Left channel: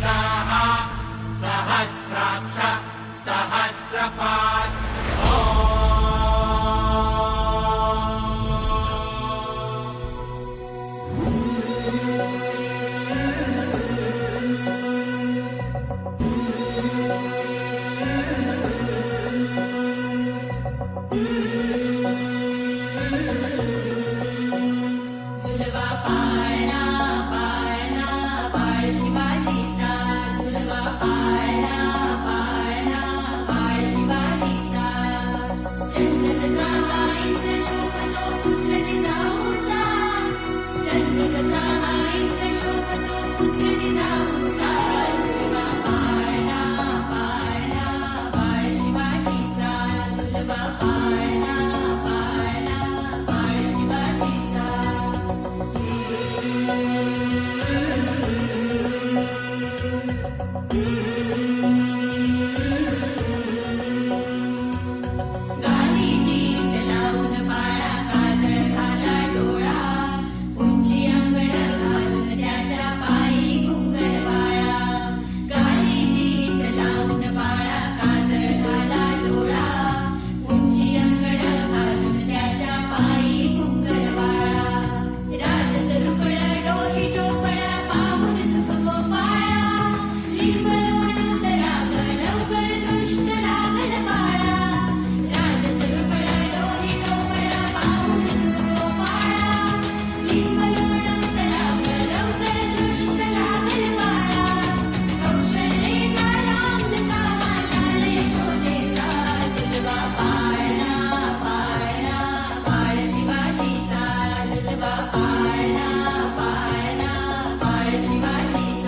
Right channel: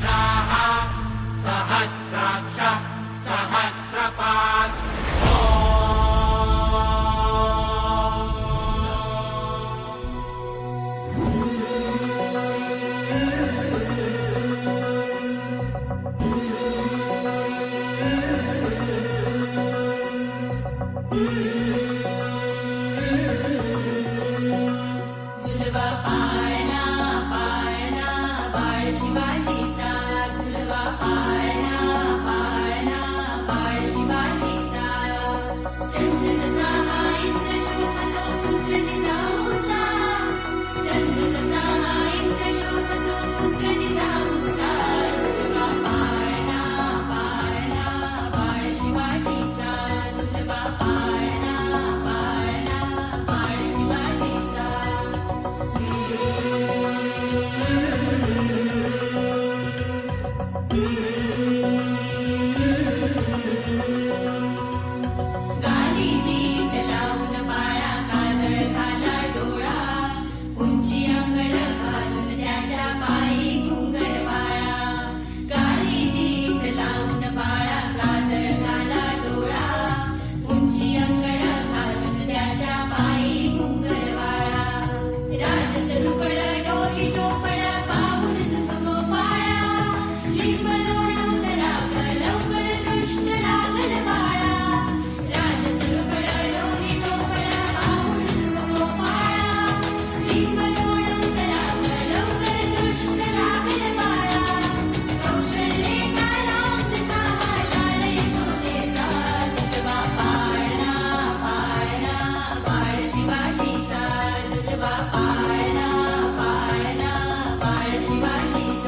वृषाः सहस्राक्ष सहस्रपात् झुलवा पाळणा पाळणा बाळ शिवाजीचा झुलवा पाळणा पाळणा बाळ शिवाजीचा चंद्र जसा हा इंद्र शोभतो पुत्र जिजाऊचा चंद्र जसा हा इंद्र शोभतो पुत्र जिजाऊचा झुलवा पाळणा पाळणा बाळ शिवाजीचा झुलवा पाळणा पाळणा बाळ शिवाजीचा गाली दीट लावून बाळा काजळ घाला डोळा उंची अंगड घालून त्याच्या पायी घुंगर वाळा गाली दीट लावून बाळा काजळ घाला डोळा उंची अंगड घालून त्याच्या पायी घुंगर वाळा राजसरुपळ डोही टोपळ पाहून सुख गोपाळा लिंब लोणव दराग लवकर दृष्ट लागल बाळा राजसरुपळ डोही टोपळ पाहून सुख गोपाळा लिंब लोणव दराग लवकर दृष्ट लागल बाळा कौशल्येचा राम जसा हा लाल यशोदेचा झुलवा पाळणा पाळणा बाळ शिवाजीचा झुलवा पाळणा पाळणा बाळ शिवाजीचा